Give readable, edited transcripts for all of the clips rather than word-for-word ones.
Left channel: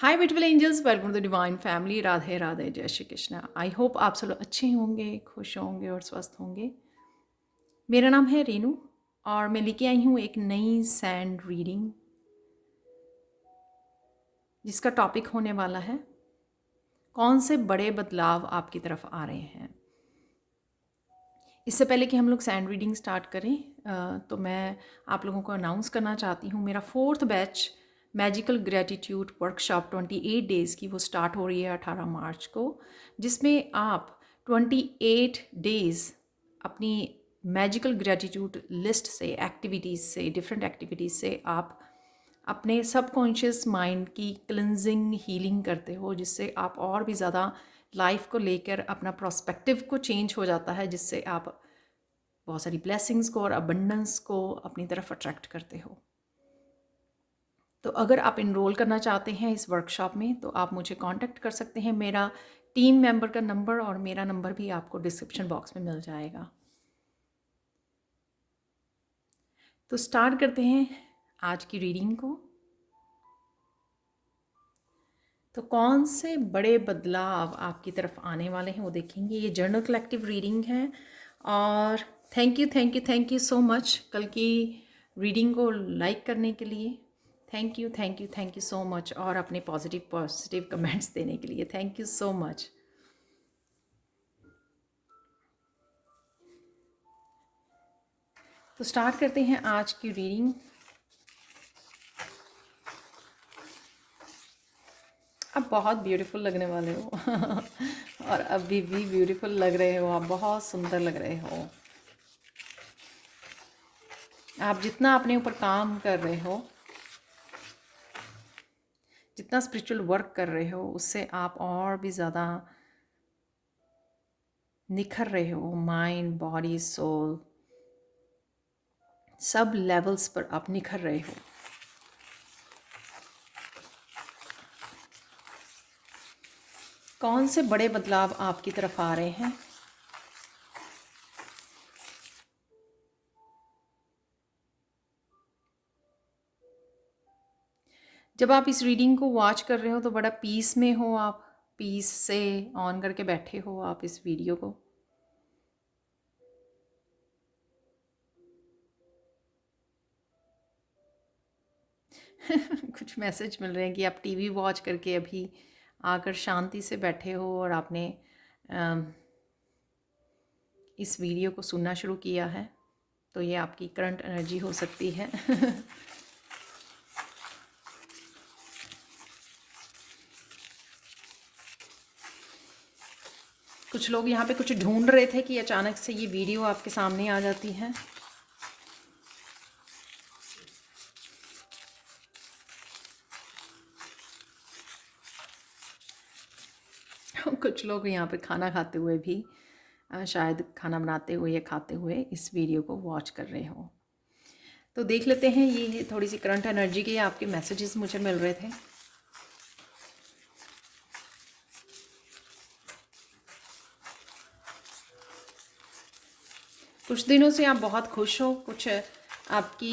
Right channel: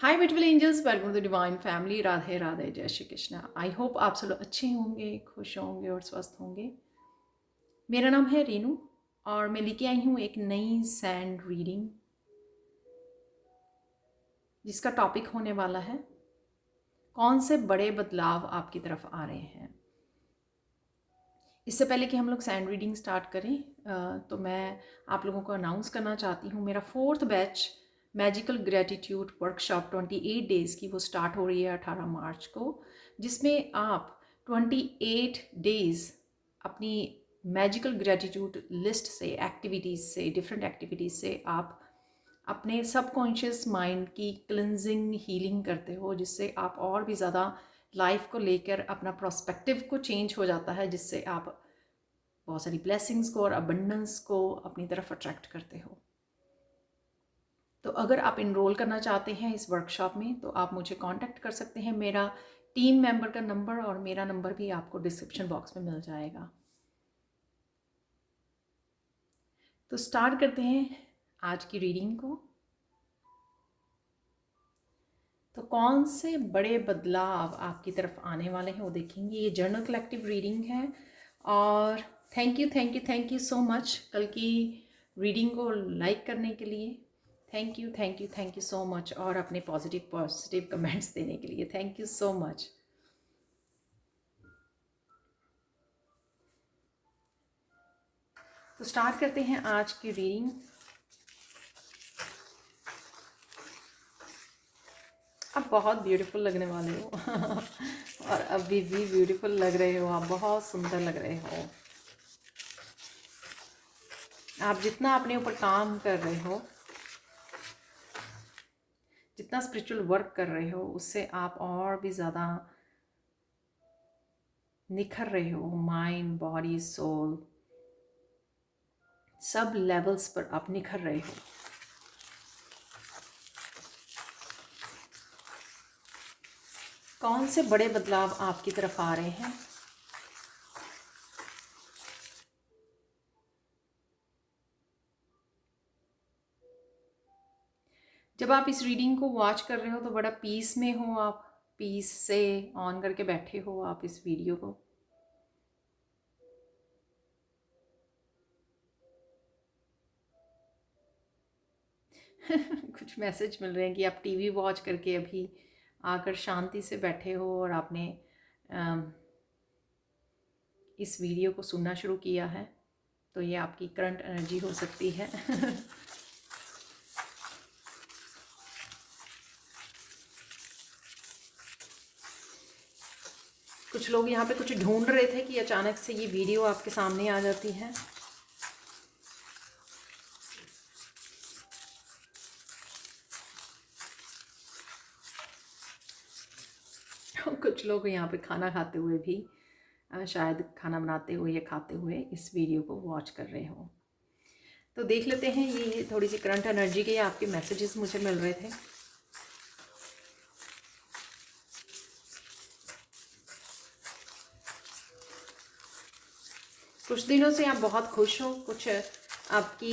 Hi beautiful angels, welcome to divine family. Radhe Radhe, जय Shri Krishna. I hope आप सब लोग अच्छे होंगे, खुश होंगे और स्वस्थ होंगे। मेरा नाम है रीनू और मैं लेके आई हूँ एक नई सैंड रीडिंग जिसका टॉपिक होने वाला है कौन से बड़े बदलाव आपकी तरफ आ रहे हैं। इससे पहले कि हम लोग सैंड रीडिंग स्टार्ट करें तो मैं आप लोगों को अनाउंस करना चाहती हूँ मेरा 4th batch magical gratitude workshop 28 days की वो स्टार्ट हो रही है 18 मार्च को, जिसमें आप 28 डेज़ अपनी मैजिकल ग्रेटिट्यूड लिस्ट से, एक्टिविटीज़ से, डिफरेंट एक्टिविटीज़ से आप अपने सबकॉन्शियस माइंड की क्लिनजिंग हीलिंग करते हो, जिससे आप और भी ज़्यादा लाइफ को लेकर अपना प्रोस्पेक्टिव को चेंज हो जाता है, जिससे आप बहुत सारी ब्लेसिंग्स को और अबंडेंस को अपनी तरफ अट्रैक्ट करते हो। तो अगर आप इनरोल करना चाहते हैं इस वर्कशॉप में तो आप मुझे कांटेक्ट कर सकते हैं। मेरा टीम मेंबर का नंबर और मेरा नंबर भी आपको डिस्क्रिप्शन बॉक्स में मिल जाएगा। तो स्टार्ट करते हैं आज की रीडिंग को। तो कौन से बड़े बदलाव आपकी तरफ आने वाले हैं वो देखेंगे। ये जर्नल कलेक्टिव रीडिंग है और थैंक यू सो मच कल की रीडिंग को लाइक करने के लिए। थैंक यू सो मच और अपने पॉजिटिव कमेंट्स देने के लिए थैंक यू सो मच। तो स्टार्ट करते हैं आज की रीडिंग। आप बहुत ब्यूटीफुल लगने वाले हो और अभी भी ब्यूटीफुल लग रहे हो, आप बहुत सुंदर लग रहे हो। आप जितना अपने ऊपर काम कर रहे हो, जितना स्पिरिचुअल वर्क कर रहे हो, उससे आप और भी ज़्यादा निखर रहे हो। माइंड, बॉडी, सोल, सब लेवल्स पर आप निखर रहे हो। कौन से बड़े बदलाव आपकी तरफ आ रहे हैं। जब आप इस रीडिंग को वॉच कर रहे हो तो बड़ा पीस में हो, आप पीस से ऑन करके बैठे हो आप इस वीडियो को। कुछ मैसेज मिल रहे हैं कि आप टीवी वॉच करके अभी आकर शांति से बैठे हो और आपने इस वीडियो को सुनना शुरू किया है। तो ये आपकी करंट एनर्जी हो सकती है। कुछ लोग यहाँ पे कुछ ढूंढ रहे थे कि अचानक से ये वीडियो आपके सामने आ जाती है। कुछ लोग यहाँ पे खाना खाते हुए भी, शायद खाना बनाते हुए या खाते हुए इस वीडियो को वॉच कर रहे हो। तो देख लेते हैं ये थोड़ी सी करंट एनर्जी के आपके मैसेजेस मुझे मिल रहे थे। कुछ दिनों से आप बहुत खुश हो, कुछ आपकी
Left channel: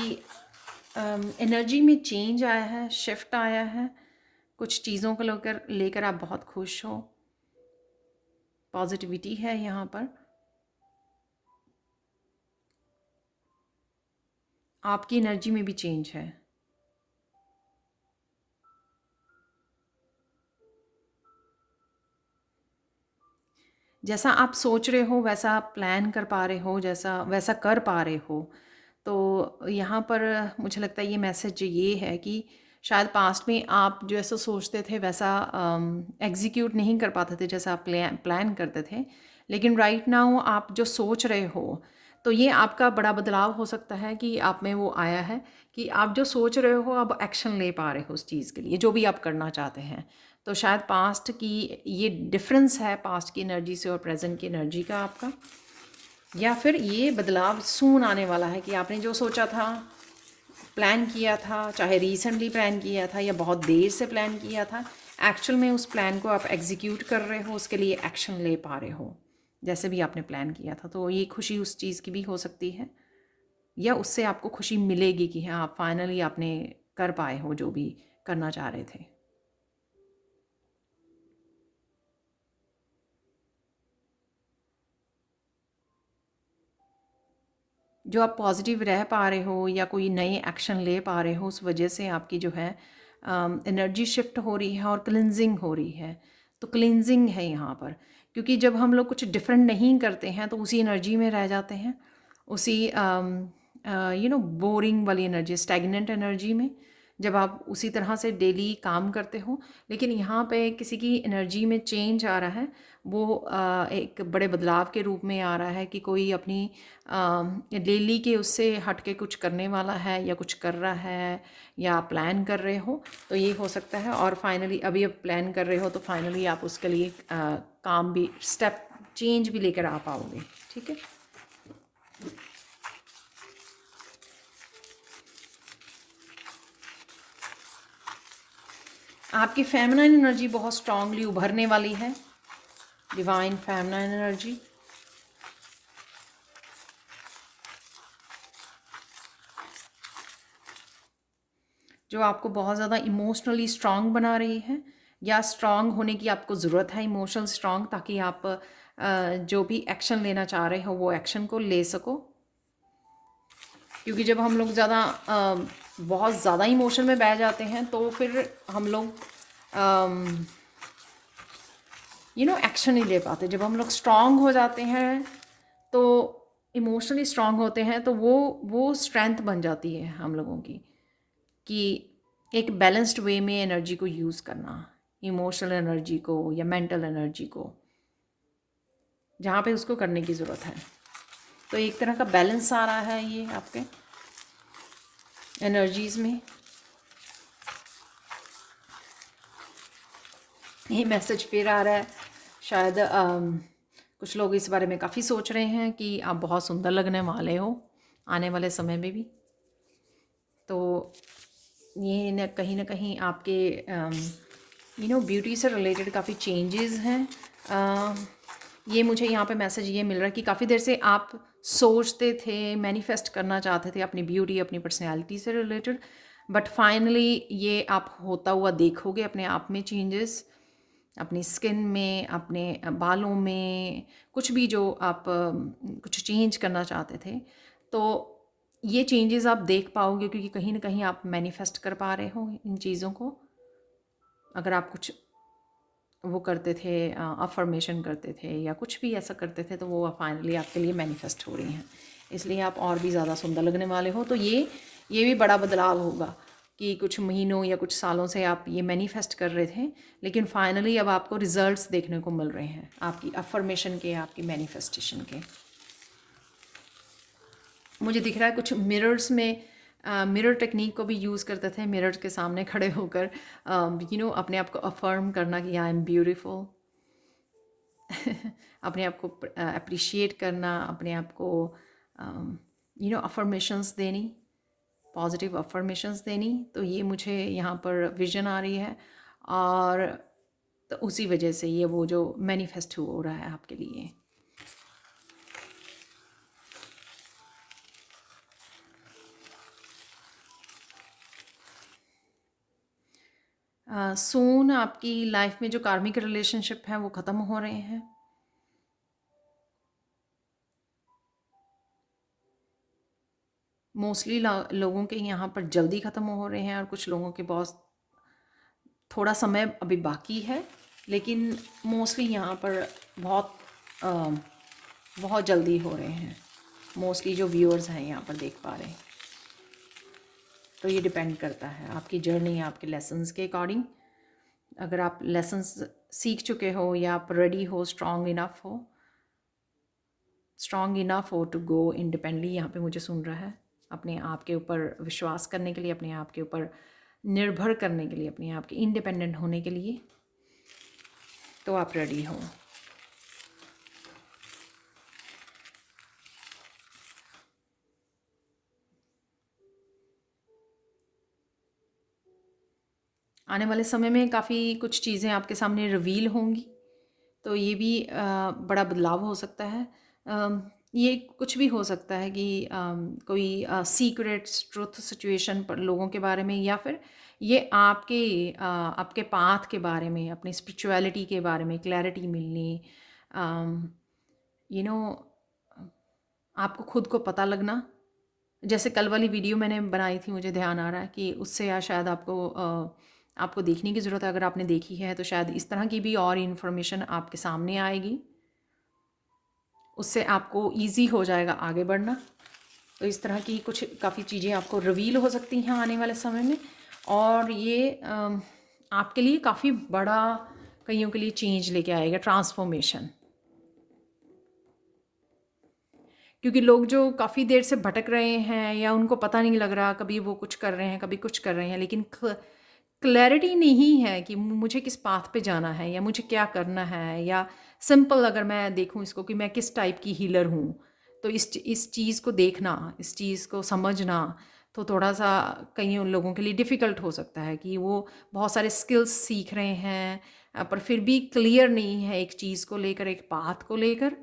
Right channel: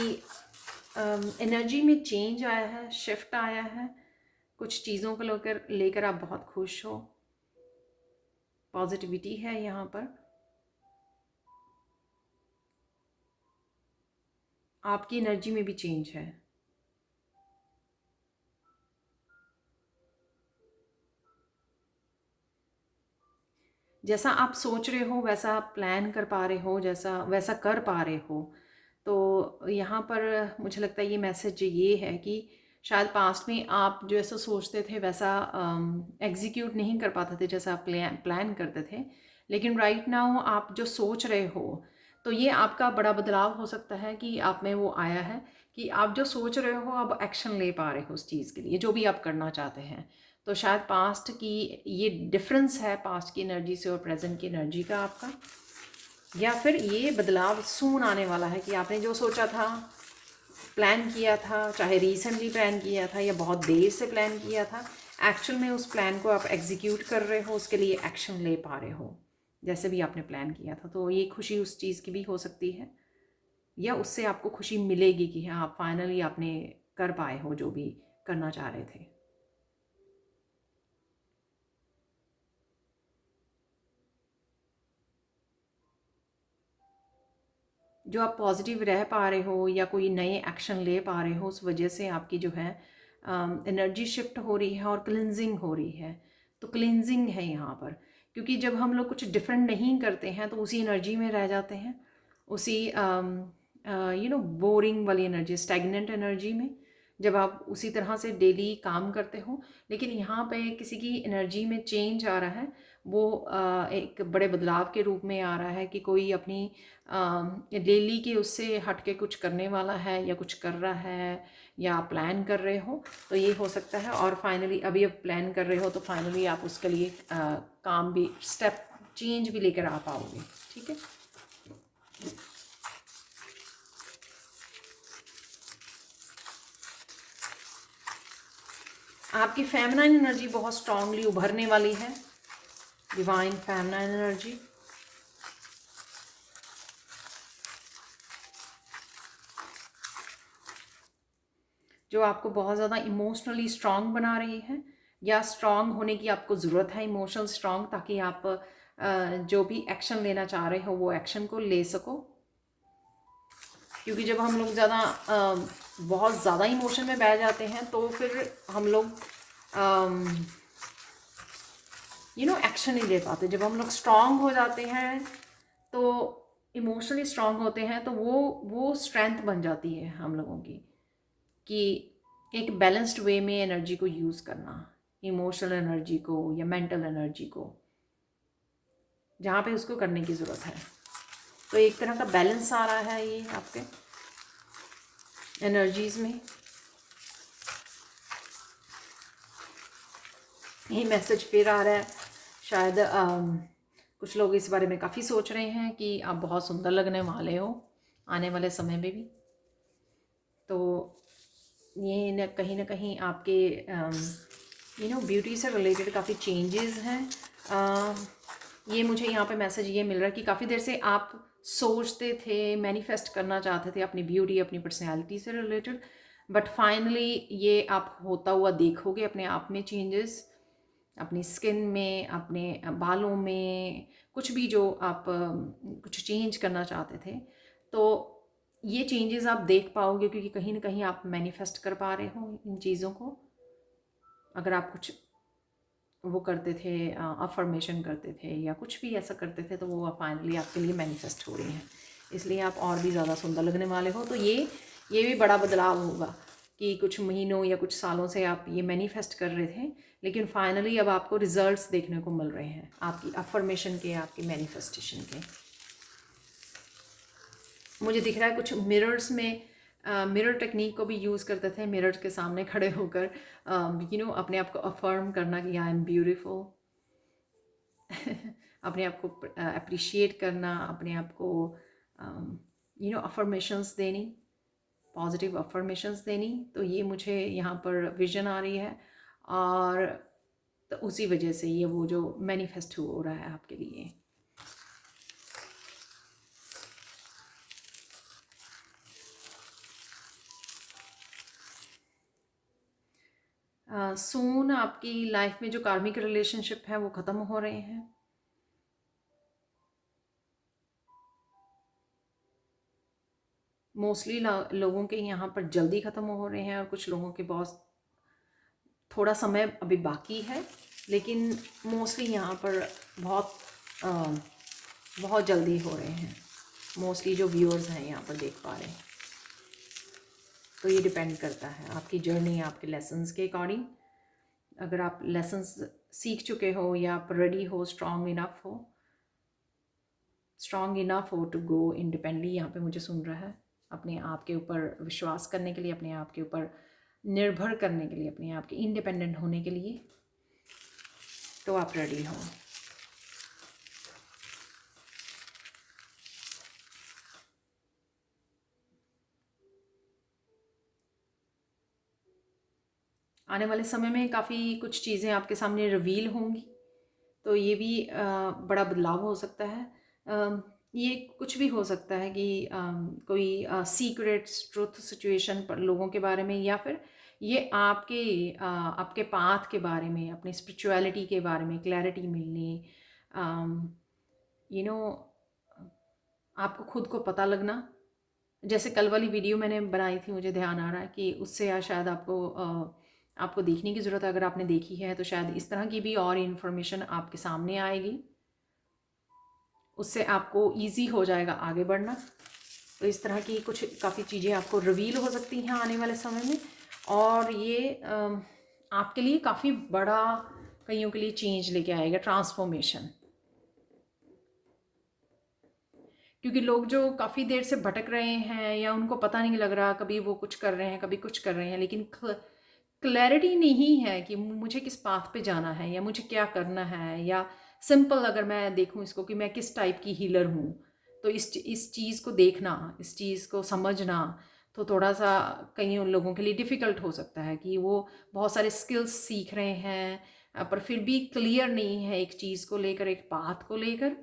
एनर्जी में चेंज आया है, शिफ्ट आया है, कुछ चीज़ों को लेकर आप बहुत खुश हो। पॉजिटिविटी है यहाँ पर। आपकी एनर्जी में भी चेंज है। जैसा आप सोच रहे हो वैसा आप प्लान कर पा रहे हो, जैसा वैसा कर पा रहे हो। तो यहाँ पर मुझे लगता है ये मैसेज ये है कि शायद पास्ट में आप जैसा सोचते थे वैसा एग्जीक्यूट नहीं कर पाते थे, जैसा आप प्लान करते थे। लेकिन राइट नाउ आप जो सोच रहे हो, तो ये आपका बड़ा बदलाव हो सकता है कि आप में वो आया है कि आप जो सोच रहे हो अब एक्शन ले पा रहे हो उस चीज़ के लिए जो भी आप करना चाहते हैं। तो शायद पास्ट की ये डिफरेंस है, पास्ट की एनर्जी से और प्रेजेंट की एनर्जी का आपका, या फिर ये बदलाव सून आने वाला है कि आपने जो सोचा था, प्लान किया था, चाहे रिसेंटली प्लान किया था या बहुत देर से प्लान किया था, एक्चुअल में उस प्लान को आप एग्जीक्यूट कर रहे हो, उसके लिए एक्शन ले पा रहे हो जैसे भी आपने प्लान किया था। तो ये खुशी उस चीज़ की भी हो सकती है या उससे आपको खुशी मिलेगी कि हाँ फाइनली आपने कर पाए हो जो भी करना चाह रहे थे। जो आप पॉजिटिव रह पा रहे हो या कोई नए एक्शन ले पा रहे हो, उस वजह से आपकी जो है एनर्जी शिफ्ट हो रही है और क्लिनजिंग हो रही है। तो क्लिनजिंग है यहाँ पर, क्योंकि जब हम लोग कुछ डिफरेंट नहीं करते हैं तो उसी एनर्जी में रह जाते हैं, उसी बोरिंग वाली एनर्जी, स्टैग्नेंट एनर्जी में, जब आप उसी तरह से डेली काम करते हो। लेकिन यहाँ पे किसी की एनर्जी में चेंज आ रहा है, वो एक बड़े बदलाव के रूप में आ रहा है कि कोई अपनी डेली के उससे हट के कुछ करने वाला है या कुछ कर रहा है या प्लान कर रहे हो, तो ये हो सकता है। और फाइनली अभी अब प्लान कर रहे हो तो फाइनली आप उसके लिए काम भी, स्टेप चेंज भी लेकर आ पाओगे। ठीक है। आपकी फेमिनाइन एनर्जी बहुत स्ट्रांगली उभरने वाली है, डिवाइन फेमिनाइन एनर्जी। जो आपको बहुत ज़्यादा इमोशनली स्ट्रांग बना रही है, या स्ट्रांग होने की आपको ज़रूरत है, इमोशनल स्ट्रांग, ताकि आप जो भी एक्शन लेना चाह रहे हो वो एक्शन को ले सको। क्योंकि जब हम लोग बहुत ज़्यादा इमोशन में बह जाते हैं तो फिर हम लोग एक्शन नहीं ले पाते। जब हम लोग स्ट्रांग हो जाते हैं तो इमोशनली स्ट्रांग होते हैं तो वो स्ट्रेंथ बन जाती है हम लोगों की, कि एक बैलेंस्ड वे में एनर्जी को यूज़ करना, इमोशनल एनर्जी को या मेंटल एनर्जी को, जहाँ पे उसको करने की ज़रूरत है। तो एक तरह का बैलेंस आ रहा है ये आपके एनर्जीज़ में। ये मैसेज फिर आ रहा है, शायद कुछ लोग इस बारे में काफ़ी सोच रहे हैं कि आप बहुत सुंदर लगने वाले हो आने वाले समय में भी। तो ये न कहीं आपके ब्यूटी से रिलेटेड काफ़ी चेंजेस हैं। ये मुझे यहाँ पे मैसेज ये मिल रहा है कि काफ़ी देर से आप सोचते थे, मैनिफेस्ट करना चाहते थे अपनी ब्यूटी, अपनी पर्सनैलिटी से रिलेटेड, बट फाइनली ये आप होता हुआ देखोगे अपने आप में चेंजेस, अपनी स्किन में, अपने बालों में, कुछ भी जो आप कुछ चेंज करना चाहते थे, तो ये चेंजेस आप देख पाओगे, क्योंकि कहीं ना कहीं आप मैनिफेस्ट कर पा रहे हो इन चीज़ों को। अगर आप कुछ वो करते थे, अफर्मेशन करते थे या कुछ भी ऐसा करते थे, तो वो फाइनली आपके लिए मैनिफेस्ट हो रही हैं, इसलिए आप और भी ज़्यादा सुंदर लगने वाले हो। तो ये भी बड़ा बदलाव होगा कि कुछ महीनों या कुछ सालों से आप ये मैनिफेस्ट कर रहे थे, लेकिन फाइनली अब आपको रिजल्ट्स देखने को मिल रहे हैं आपकी अफर्मेशन के, आपकी मैनिफेस्टेशन के। मुझे दिख रहा है कुछ मिरर्स में, मिरर टेक्निक को भी यूज़ करते थे, मिरर के सामने खड़े होकर अपने आप को अफर्म करना कि आई एम ब्यूटीफुल। अपने आप को अप्रिशिएट करना, अपने आप को अफर्मेशंस देनी, पॉजिटिव अफर्मेशंस देनी। तो ये मुझे यहाँ पर विजन आ रही है, और तो उसी वजह से ये वो जो मैनिफेस्ट हो रहा है आपके लिए। सून आपकी लाइफ में जो कार्मिक रिलेशनशिप है वो ख़त्म हो रहे हैं। मोस्टली लोगों के यहाँ पर जल्दी ख़त्म हो रहे हैं, और कुछ लोगों के बहुत थोड़ा समय अभी बाकी है, लेकिन मोस्टली यहाँ पर बहुत बहुत जल्दी हो रहे हैं। मोस्टली जो व्यूअर्स हैं यहाँ पर देख पा रहे हैं। तो ये डिपेंड करता है आपकी जर्नी, आपके लेसन्स के अकॉर्डिंग। अगर आप लेसन्स सीख चुके हो या आप रेडी हो, स्ट्रॉन्ग इनफ हो टू गो इंडिपेंडेंटली, यहाँ पे मुझे सुन रहा है, अपने आप के ऊपर विश्वास करने के लिए, अपने आप के ऊपर निर्भर करने के लिए, अपने आप के इंडिपेंडेंट होने के लिए, तो आप रेडी हो। आने वाले समय में काफ़ी कुछ चीज़ें आपके सामने रिवील होंगी, तो ये भी बड़ा बदलाव हो सकता है। ये कुछ भी हो सकता है कि कोई सीक्रेट्स ट्रुथ सिचुएशन पर लोगों के बारे में, या फिर ये आपके पाथ के बारे में, अपनी स्पिरिचुअलिटी के बारे में क्लैरिटी मिलनी, यू नो आपको खुद को पता लगना जैसे कल वाली वीडियो मैंने बनाई थी, मुझे ध्यान आ रहा है कि उससे या शायद आपको देखने की ज़रूरत है। अगर आपने देखी है तो शायद इस तरह की भी और इन्फॉर्मेशन आपके सामने आएगी, उससे आपको ईजी हो जाएगा आगे बढ़ना। तो इस तरह की कुछ काफ़ी चीज़ें आपको रिवील हो सकती हैं आने वाले समय में, और ये आपके लिए काफ़ी बड़ा, कईयों के लिए चेंज लेके आएगा, ट्रांसफॉर्मेशन। क्योंकि लोग जो काफ़ी देर से भटक रहे हैं या उनको पता नहीं लग रहा, कभी वो कुछ कर रहे हैं कभी कुछ कर रहे हैं, लेकिन क्लैरिटी नहीं है कि मुझे किस पाथ पे जाना है या मुझे क्या करना है, या सिंपल अगर मैं देखूं इसको कि मैं किस टाइप की हीलर हूँ, तो इस चीज़ को देखना, इस चीज़ को समझना तो थोड़ा सा कई लोगों के लिए डिफ़िकल्ट हो सकता है कि वो बहुत सारे स्किल्स सीख रहे हैं, पर फिर भी क्लियर नहीं है एक चीज़ को लेकर, एक पाथ को लेकर,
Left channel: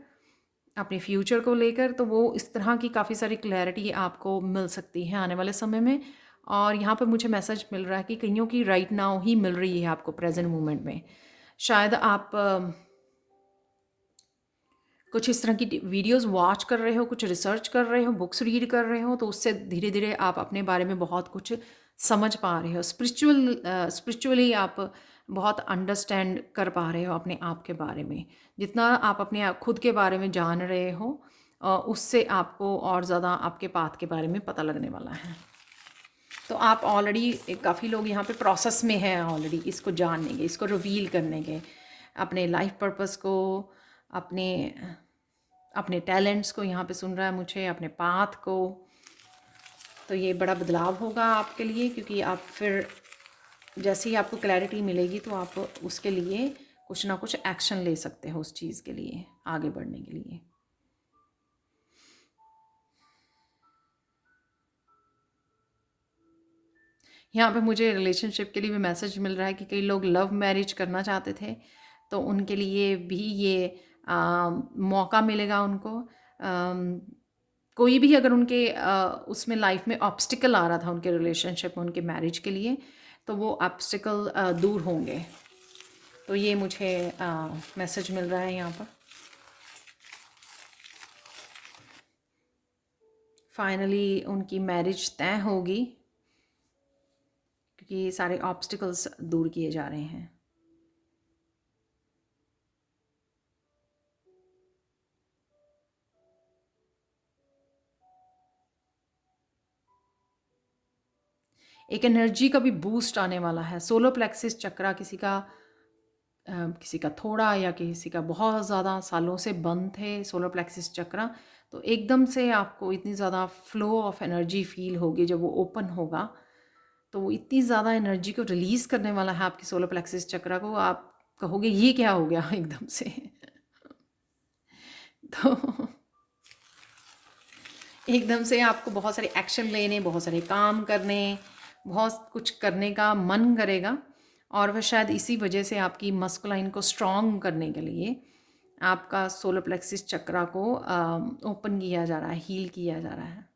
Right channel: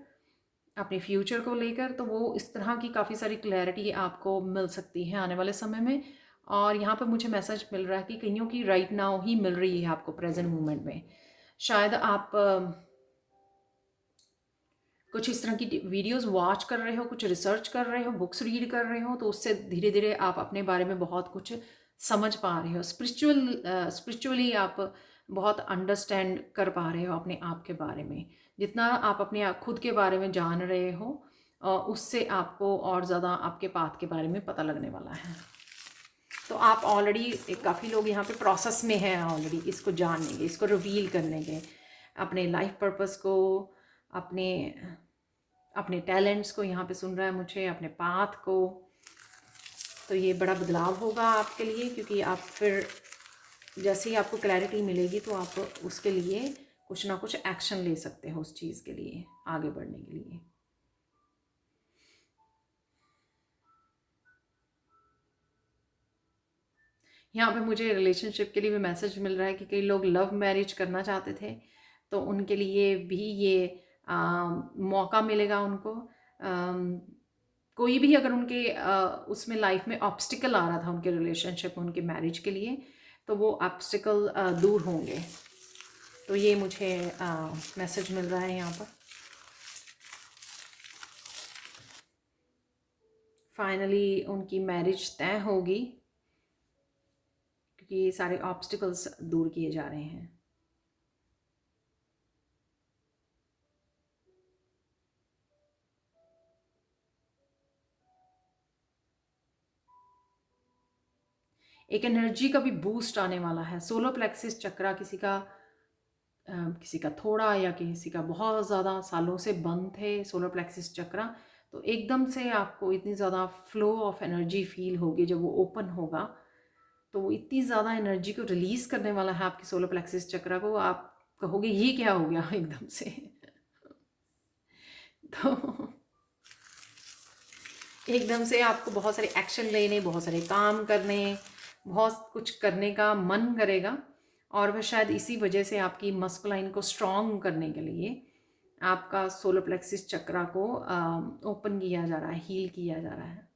अपने फ्यूचर को लेकर। तो वो इस तरह की काफ़ी सारी क्लैरिटी आपको मिल सकती है आने वाले समय में। और यहाँ पर मुझे मैसेज मिल रहा है कि कईयों की राइट नाउ ही मिल रही है आपको प्रेजेंट मोमेंट में। शायद आप कुछ इस तरह की वीडियोस वॉच कर रहे हो, कुछ रिसर्च कर रहे हो, बुक्स रीड कर रहे हो, तो उससे धीरे धीरे आप अपने बारे में बहुत कुछ समझ पा रहे हो। स्पिरिचुअली आप बहुत अंडरस्टैंड कर पा रहे हो अपने आप के बारे में। जितना आप अपने आप खुद के बारे में जान रहे हो, उससे आपको और ज़्यादा आपके पाथ के बारे में पता लगने वाला है। तो आप ऑलरेडी, काफ़ी लोग यहाँ पे प्रोसेस में हैं ऑलरेडी इसको जानने के, इसको रिवील करने के, अपने लाइफ पर्पस को, अपने अपने टैलेंट्स को यहाँ पे सुन रहा है मुझे, अपने पाथ को। तो ये बड़ा बदलाव होगा आपके लिए, क्योंकि आप फिर जैसे ही आपको क्लैरिटी मिलेगी तो आप उसके लिए कुछ ना कुछ एक्शन ले सकते हो उस चीज़ के लिए, आगे बढ़ने के लिए। यहाँ पे मुझे रिलेशनशिप के लिए भी मैसेज मिल रहा है कि कई लोग लव मैरिज करना चाहते थे, तो उनके लिए भी ये मौका मिलेगा उनको। कोई भी अगर उनके उसमें लाइफ में ऑब्स्टिकल आ रहा था उनके रिलेशनशिप में, उनके मैरिज के लिए, तो वो ऑब्स्टिकल दूर होंगे। तो ये मुझे मैसेज मिल रहा है यहाँ पर। फाइनली उनकी मैरिज तय होगी, क्योंकि ये सारे ऑब्स्टिकल्स दूर किए जा रहे हैं। एक एनर्जी का भी बूस्ट आने वाला है। सोलर प्लेक्सिस चक्रा किसी का थोड़ा या किसी का बहुत ज़्यादा सालों से बंद थे सोलर प्लेक्सिस चक्रा, तो एकदम से आपको इतनी ज़्यादा फ्लो ऑफ एनर्जी फील होगी जब वो ओपन होगा। तो वो इतनी ज़्यादा एनर्जी को रिलीज़ करने वाला है आपकी सोलर प्लेक्सिस चक्रा को, आप कहोगे ये क्या हो गया एकदम से। तो एकदम से आपको बहुत सारे एक्शन लेने, बहुत सारे काम करने, बहुत कुछ करने का मन करेगा। और वह शायद इसी वजह से आपकी मस्कुलाइन को स्ट्रॉन्ग करने के लिए आपका सोलर प्लेक्सिस चक्रा को ओपन किया जा रहा है, हील किया जा रहा है।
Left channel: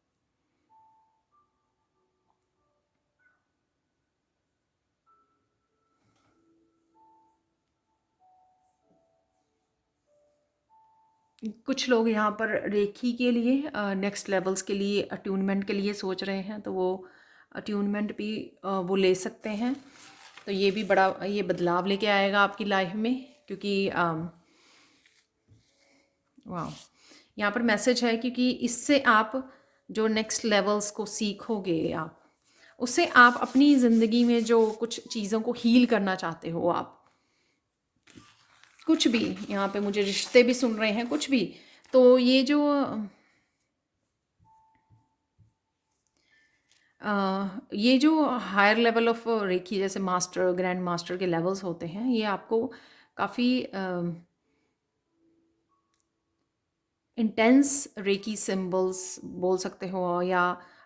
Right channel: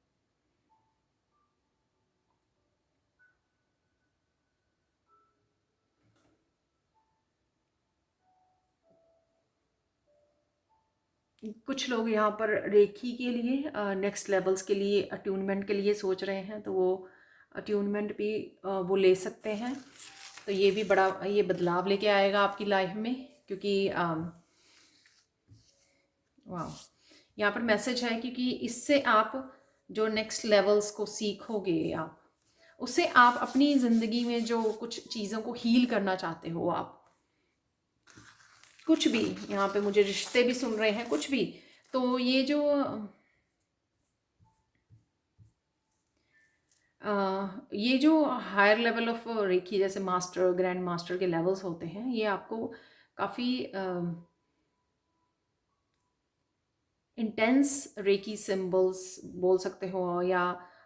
कुछ लोग यहाँ पर रेखी के लिए नेक्स्ट लेवल्स के लिए, अट्यूनमेंट के लिए सोच रहे हैं, तो वो अट्यूनमेंट भी वो ले सकते हैं। तो ये भी बड़ा ये बदलाव लेके आएगा आपकी लाइफ में, क्योंकि वाह, यहाँ पर मैसेज है क्योंकि इससे आप जो नेक्स्ट लेवल्स को सीखोगे, आप उससे आप अपनी ज़िंदगी में जो कुछ चीज़ों को हील करना चाहते हो, आप कुछ भी, यहाँ पे मुझे रिश्ते भी सुन रहे हैं, कुछ भी, तो ये जो ये जो हायर लेवल ऑफ रेकी, जैसे मास्टर, ग्रैंड मास्टर के लेवल्स होते हैं, ये आपको काफ़ी इंटेंस रेकी सिंबल्स बोल सकते हो, या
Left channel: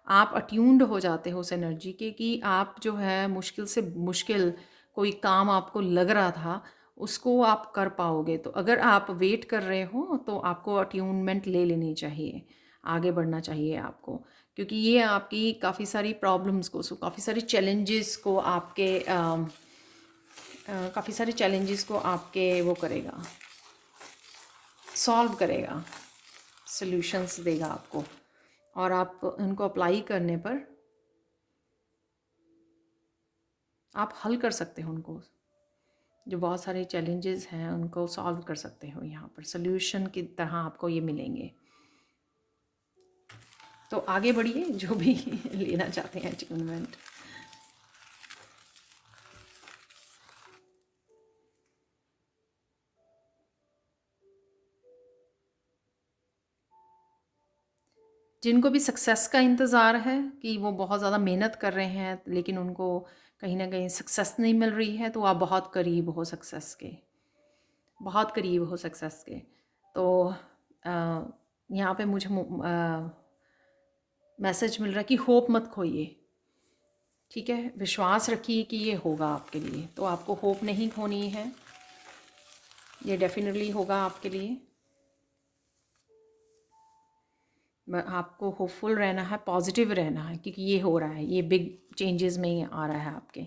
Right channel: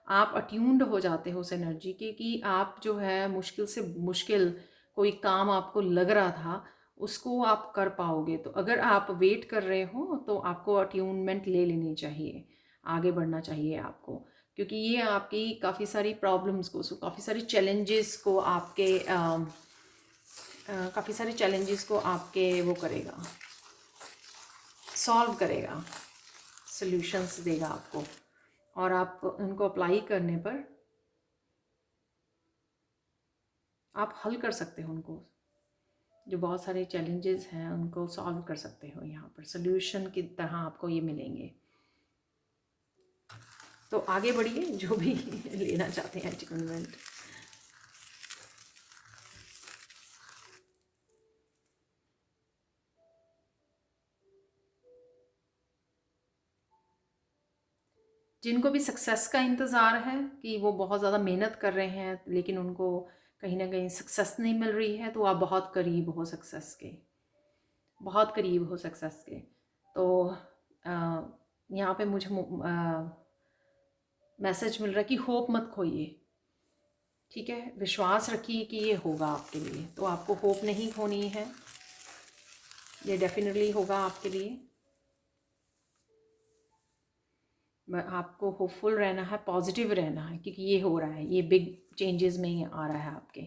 आप अट्यून्ड हो जाते हो उस एनर्जी के, कि आप जो है मुश्किल से मुश्किल कोई काम आपको लग रहा था उसको आप कर पाओगे। तो अगर आप वेट कर रहे हो तो आपको अट्यूनमेंट ले लेनी चाहिए, आगे बढ़ना चाहिए आपको, क्योंकि ये आपकी काफ़ी सारी प्रॉब्लम्स को, काफ़ी सारी चैलेंजेस को आपके काफ़ी सारे चैलेंजेस को आपके वो करेगा, सॉल्व करेगा, सॉल्यूशंस देगा आपको। और आप उनको अप्लाई करने पर आप हल कर सकते हो उनको, जो बहुत सारे चैलेंजेस हैं उनको सॉल्व कर सकते हो। यहाँ पर सोल्यूशन की तरह आपको ये मिलेंगे। तो आगे बढ़िए, जो भी लेना चाहते हैं अचीवमेंट। जिनको भी सक्सेस का इंतज़ार है कि वो बहुत ज़्यादा मेहनत कर रहे हैं लेकिन उनको कहीं ना कहीं सक्सेस नहीं मिल रही है, तो आप बहुत करीब हो सक्सेस के, बहुत करीब हो सक्सेस के। तो यहाँ पे मुझे मैसेज मिल रहा है कि होप मत खोइए, ठीक है, विश्वास रखिए कि ये होगा आपके लिए। तो आपको होप नहीं खोनी है, ये डेफिनेटली होगा आपके लिए। आपको होपफुल रहना है, पॉजिटिव रहना है, क्योंकि ये हो रहा है, ये बिग चेंजेस में ही आ रहा है आपके।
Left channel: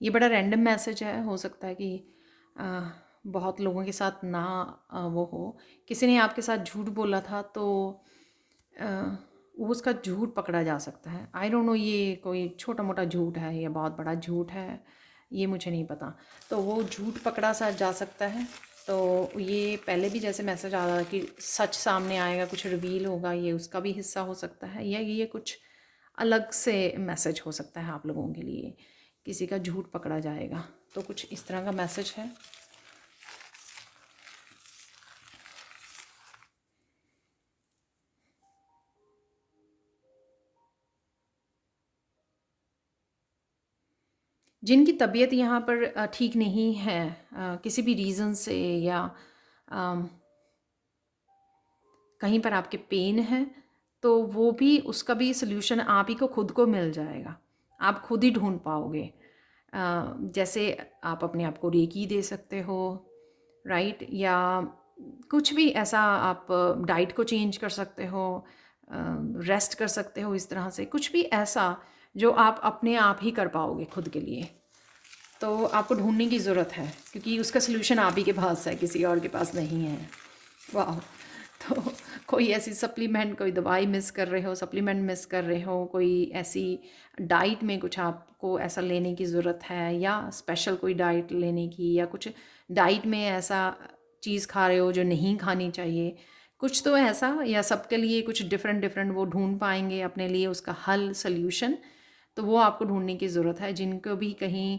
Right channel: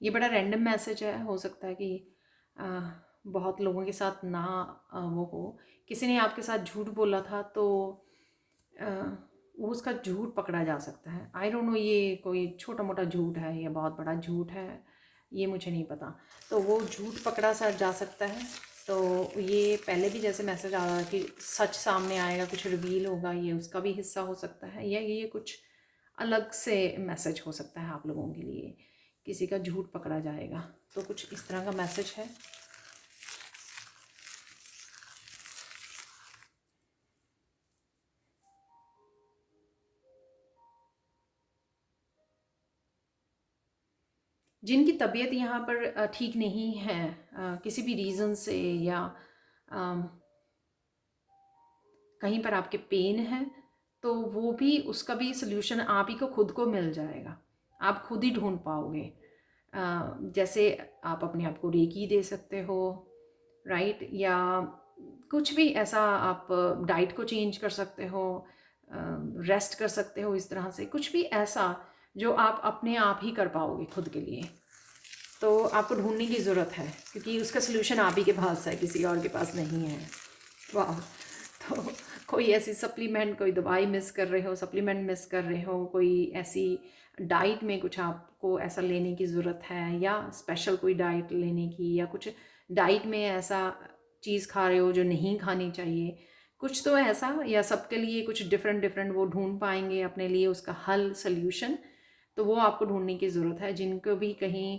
ये बड़ा रैंडम मैसेज है, हो सकता है कि अ, बहुत लोगों के साथ ना वो हो। किसी ने आपके साथ झूठ बोला था तो अ, वो उसका झूठ पकड़ा जा सकता है। आई डोंट नो ये कोई छोटा मोटा झूठ है या बहुत बड़ा झूठ है, ये मुझे नहीं पता। तो वो झूठ पकड़ा सा जा सकता है। तो ये पहले भी जैसे मैसेज आ रहा है कि सच सामने आएगा, कुछ रिवील होगा, ये उसका भी हिस्सा हो सकता है, या ये कुछ अलग से मैसेज हो सकता है आप लोगों के लिए, किसी का झूठ पकड़ा जाएगा। तो कुछ इस तरह का मैसेज है। जिनकी तबीयत यहाँ पर ठीक नहीं है किसी भी रीज़न से, या अम, कहीं पर आपके पेन है, तो वो भी, उसका भी सल्यूशन आप ही को खुद को मिल जाएगा, आप खुद ही ढूंढ पाओगे। जैसे आप अपने आप को रेकी दे सकते हो, राइट, या कुछ भी ऐसा, आप डाइट को चेंज कर सकते हो, रेस्ट कर सकते हो, इस तरह से कुछ भी ऐसा जो आप अपने आप ही कर पाओगे खुद के लिए। तो आपको ढूंढने की ज़रूरत है, क्योंकि उसका सलूशन आप ही के पास है, किसी और के पास नहीं है। वाह। तो कोई ऐसी सप्लीमेंट, कोई दवाई मिस कर रहे हो, सप्लीमेंट मिस कर रहे हो, कोई ऐसी डाइट में कुछ आपको ऐसा लेने की ज़रूरत है, या स्पेशल कोई डाइट लेने की, या कुछ डाइट में ऐसा चीज़ खा रहे हो जो नहीं खानी चाहिए, कुछ तो ऐसा, या सबके लिए कुछ डिफरेंट डिफरेंट वो ढूंढ पाएंगे अपने लिए उसका हल, सल्यूशन। तो वो आपको ढूंढने की ज़रूरत है। जिनको भी कहीं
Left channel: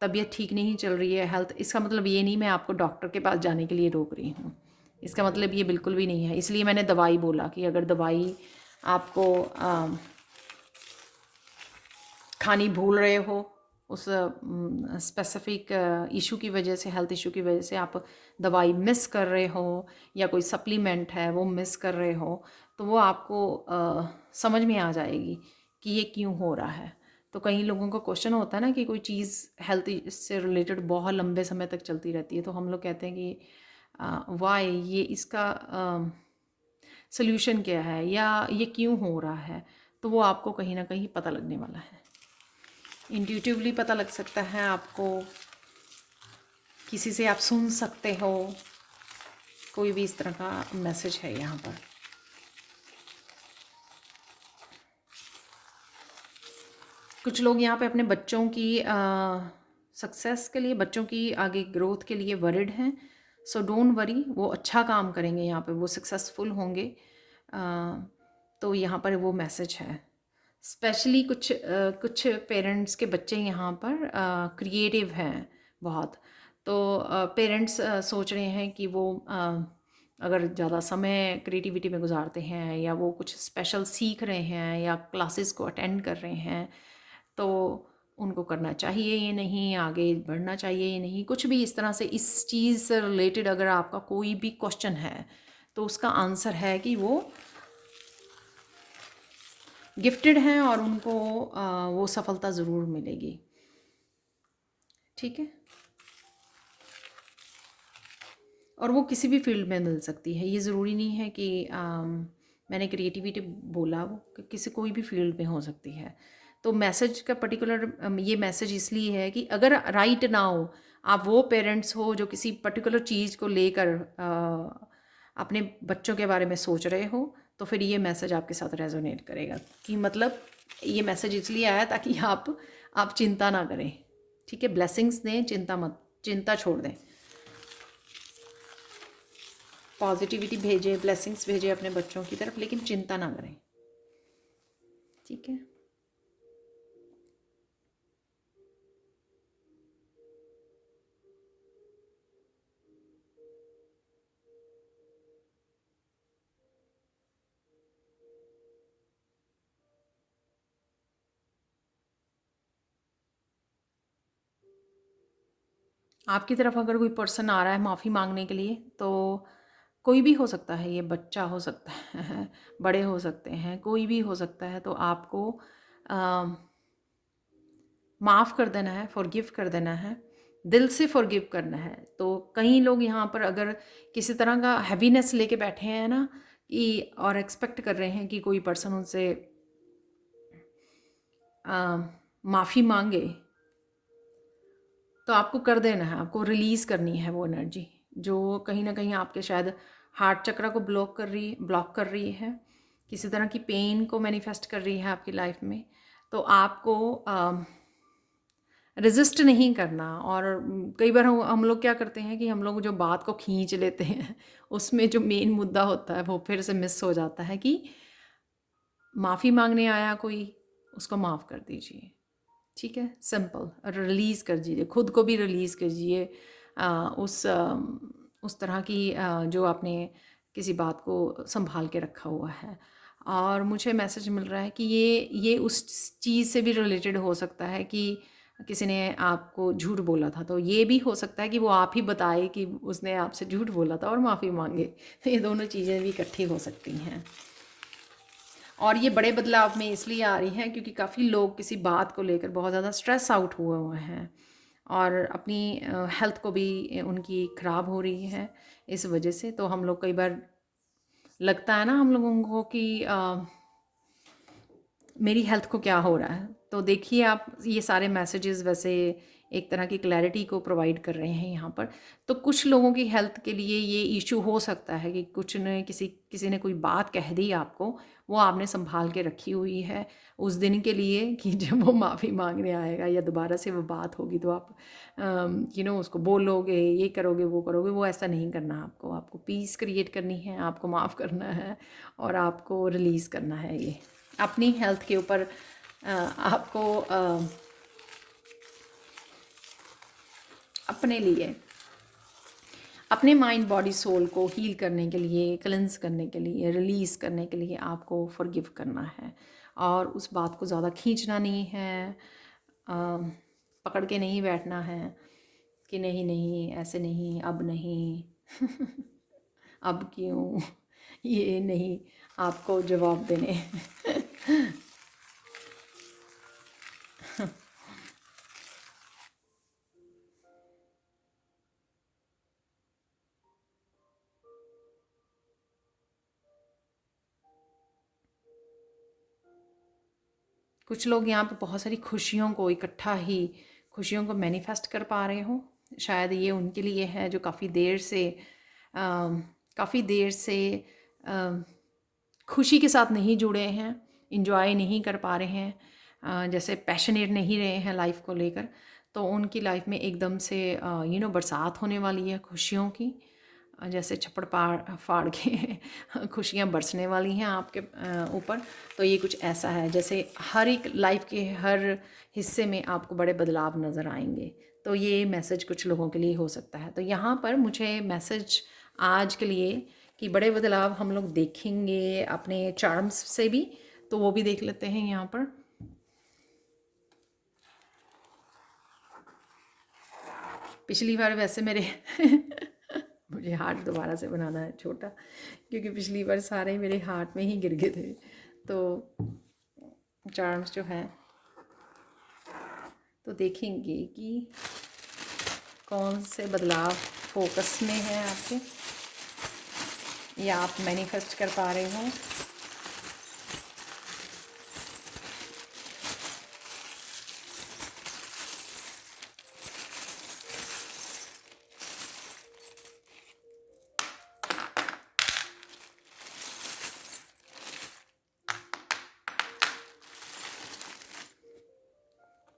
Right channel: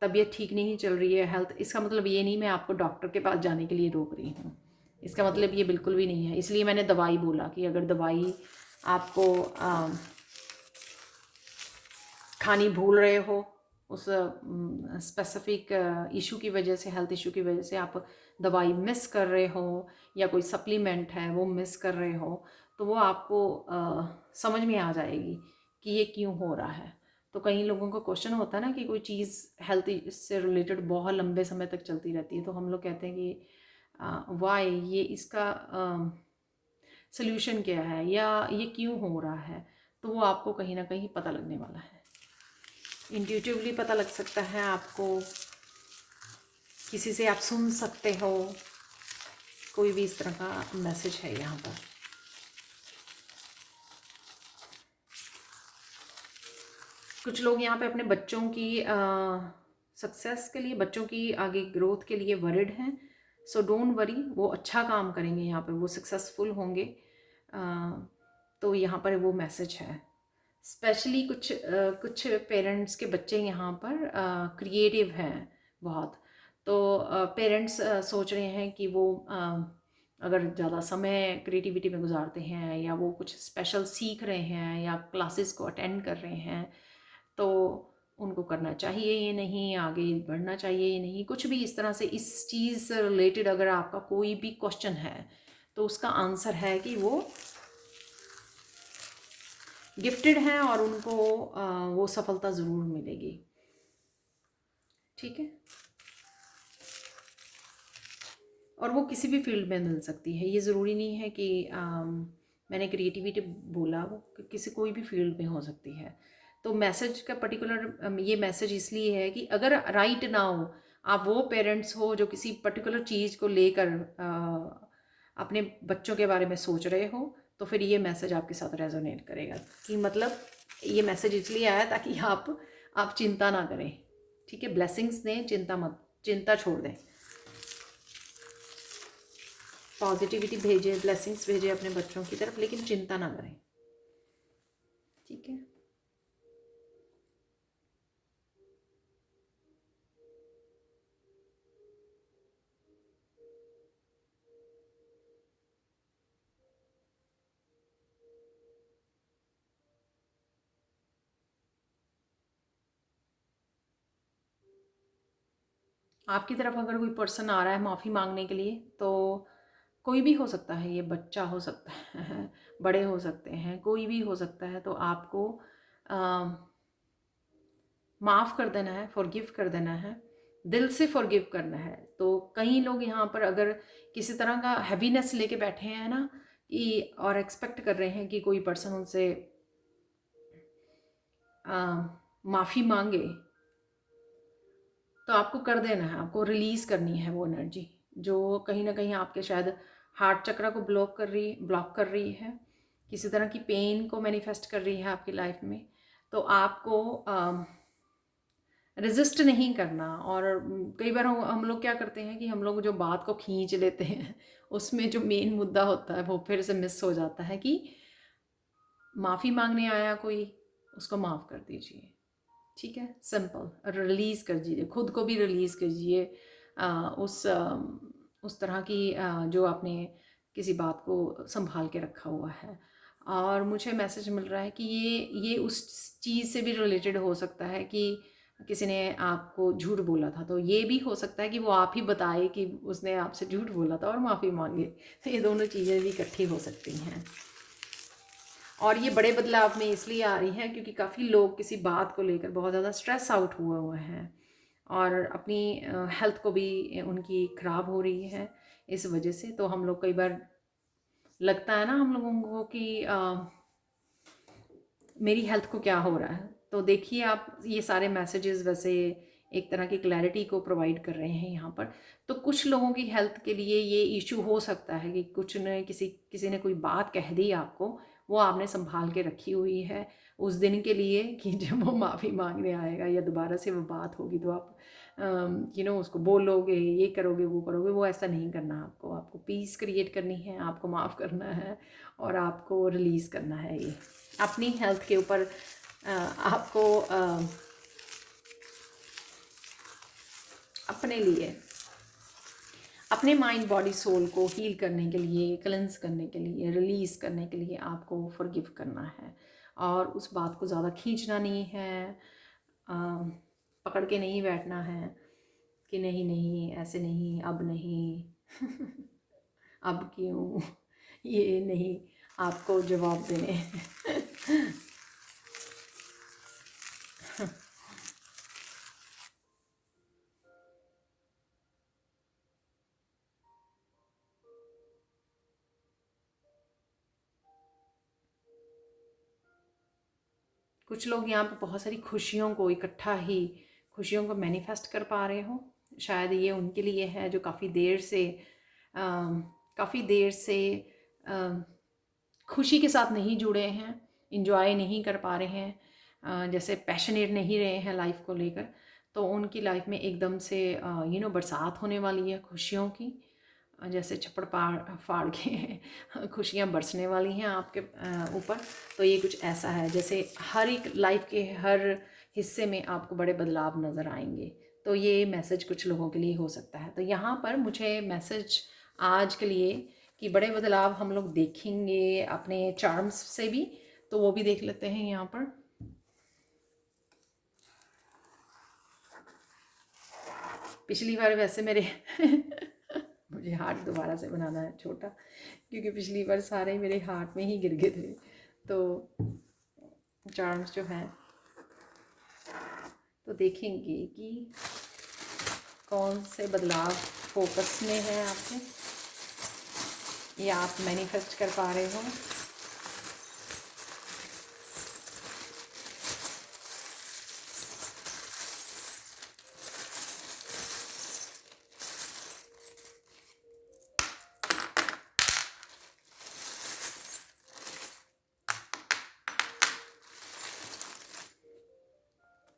तबीयत ठीक नहीं चल रही है, हेल्थ, इसका मतलब ये नहीं मैं आपको डॉक्टर के पास जाने के लिए रोक रही हूँ, इसका मतलब ये बिल्कुल भी नहीं है। इसलिए मैंने दवाई बोला कि अगर दवाई आपको खानी भूल रहे हो, उस स्पेसिफिक इशू की वजह से, हेल्थ इशू की वजह से आप दवाई मिस कर रहे हो, या कोई सप्लीमेंट है वो मिस कर रहे हो, तो वो आपको समझ में आ जाएगी कि ये क्यों हो रहा है। तो कई लोगों को क्वेश्चन होता है ना कि कोई चीज़ हेल्थ से रिलेटेड बहुत लंबे समय तक चलती रहती है, तो हम लोग कहते हैं कि वाई, ये इसका सोल्यूशन क्या है, या ये क्यों हो रहा है। तो वो आपको कहीं ना कहीं पता लगने वाला है, इंट्यूटिवली पता लग सकता है आपको, किसी से आप सुन सकते हो, कोई भी इस तरह का मैसेज है यहाँ पर। कुछ लोग यहाँ पे अपने बच्चों की सक्सेस के लिए, बच्चों की आगे ग्रोथ के लिए वरिड हैं। सो डोंट वरी, वो अच्छा काम करेंगे, यहाँ पे वो सक्सेसफुल होंगे। तो यहाँ पर वो मैसेज है। स्पेशली कुछ पेरेंट्स के बच्चे यहाँ पर क्रिएटिव हैं बहुत। तो पेरेंट्स सोच रहे हैं कि वो अगर ज़्यादा समय क्रिएटिविटी में गुजारते हैं, या वो कुछ स्पेशल सीख रहे हैं, या क्लासेस को अटेंड कर रहे हैं, तो उनको करना चाहिए ये नहीं, आगे बढ़ना चाहिए ये नहीं, कुछ भी इस तरह से। इस चीज़ से रिलेटेड अगर आपका कोई भी क्वेश्चन है, तो उसका आंसर है कि वो गिफ्टेड हैं और उनको वो सफलता ज़रूर मिलेगी, ठीक है। और वो किसी भी फील्ड में मिल सकती है। ये ज़रूरी नहीं है कि मैंने क्रिएटिविटी बोला, वो किसी कोई भी फील्ड में हो सकती है। तो मैसेज का पर्टिकुलर ये मैसेज इसलिए है कि अगर राइट नाउ आप वो पेरेंट्स हो जो किसी पर्टिकुलर चीज़ को लेकर अपने बच्चों के बारे में सोच रहे हो, तो फिर ये मैसेज आपके साथ रेजोनेट करेगा कि मतलब ये मैसेज इसलिए आया ताकि आप चिंता ना करें। ठीक है, ब्लेसिंग्स दें, चिंता छोड़ दें। पॉजिटिविटी भेजें, ब्लेसिंग्स भेजें अपने बच्चों की तरफ, लेकिन चिंता ना करें। ठीक है। आपकी तरफ अगर कोई पर्सन आ रहा है माफ़ी मांगने के लिए, तो कोई भी हो सकता है, ये बच्चा हो सकता है बड़े हो सकते हैं, कोई भी हो सकता है। तो आपको माफ़ कर देना है, फॉरगिव कर देना है, दिल से फॉरगिव करना है। तो कई लोग यहाँ पर अगर किसी तरह का हैवीनेस लेके बैठे हैं ना, कि और एक्सपेक्ट कर रहे हैं कि कोई पर्सन उनसे माफ़ी मांगे, तो आपको कर देना है, आपको रिलीज़ करनी है वो एनर्जी जो कहीं ना कहीं आपके शायद हार्ट चक्र को ब्लॉक कर रही है, किसी तरह की पेन को मैनिफेस्ट कर रही है आपकी लाइफ में। तो आपको रेजिस्ट नहीं करना। और कई बार हम लोग क्या करते हैं कि हम लोग जो बात को खींच लेते हैं उसमें जो मेन मुद्दा होता है वो फिर से मिस हो जाता है कि माफ़ी मांगने आया कोई, उसको माफ़ कर दीजिए। ठीक है, सिंपल, रिलीज़ कर दीजिए, खुद को भी रिलीज़ कीजिए उस तरह की जो आपने किसी बात को संभाल के रखा हुआ है। और मुझे मैसेज मिल रहा है कि ये उस चीज़ से भी रिलेटेड हो सकता है कि किसी ने आपको झूठ बोला था, तो ये भी हो सकता है कि वो आप ही बताए कि उसने आपसे झूठ बोला था और माफ़ी मांगे। तो ये दोनों चीज़ें भी इकट्ठी हो सकती हैं। और ये बड़े बदलाव में इसलिए आ रही हैं क्योंकि काफ़ी लोग किसी बात को लेकर बहुत ज़्यादा स्ट्रेस आउट हुए हैं और अपनी हेल्थ को भी उनकी ख़राब हो रही है इस वजह से। तो हम लोग कई बार लगता है ना हम लोगों को कि मेरी हेल्थ को क्या हो रहा है। तो देखिए आप, ये सारे मैसेजेस वैसे एक तरह की क्लैरिटी को प्रोवाइड कर रहे हैं यहाँ पर। तो कुछ लोगों की हेल्थ के लिए ये इशू हो सकता है कि कुछ ने किसी ने कोई बात कह दी आपको, वो आपने संभाल के रखी हुई है उस दिन के लिए कि जब वो माफ़ी मांगने आएगा या दोबारा से वो बात होगी तो आप उसको बोलोगे, ये करोगे, वो करोगे। वो ऐसा नहीं करना। आपको पीस क्रिएट करनी है, आपको माफ़ करना है और आपको रिलीज़ करना है। ये अपनी हेल्थ के ऊपर आपको अपने लिए, अपने माइंड बॉडी सोल को हील करने के लिए, क्लेंस करने के लिए, रिलीज़ करने के लिए आपको फॉरगिव करना है। और उस बात को ज़्यादा खींचना नहीं है, पकड़ के नहीं बैठना है कि नहीं नहीं ऐसे नहीं, अब नहीं अब क्यों, ये नहीं आपको जवाब देने कुछ लोग यहाँ पे बहुत सारी खुशियों को इकट्ठा ही, खुशियों को मैनिफेस्ट कर पा रहे हो। शायद ये उनके लिए है जो काफ़ी देर से खुशी के साथ नहीं जुड़े हैं, इंजॉय नहीं कर पा रहे हैं, जैसे पैशनेट नहीं रहे हैं लाइफ को लेकर। तो उनकी लाइफ में एकदम से बरसात होने वाली है खुशियों की, जैसे छप्पड़ फाड़ के खुशियाँ बरसने वाली हैं आपके ऊपर। तो ये कुछ ऐसा है जैसे हर एक लाइफ के हर हिस्से में आपको बड़े बदलाव नज़र आएंगे। तो ये मैसेज कुछ लोगों के लिए हो सकता है। तो यहाँ पर मुझे मैसेज आज के लिए कि बड़े बदलाव हम लोग देखेंगे अपने चार्म्स से भी। तो वो भी देख लेते हैं यहाँ पर। पिछली बार वैसे मेरे मुझे हार्ट दोबारा से बनाना है छोटा, क्योंकि पिछली बार सारे मेरे हार्ट में ही गिर गए थे। तो चार्म्स जो है तो देखेंगे कि कौन से बदलाव फोकस में है आपके, या आप मैनिफेस्ट कर पा रहे हो।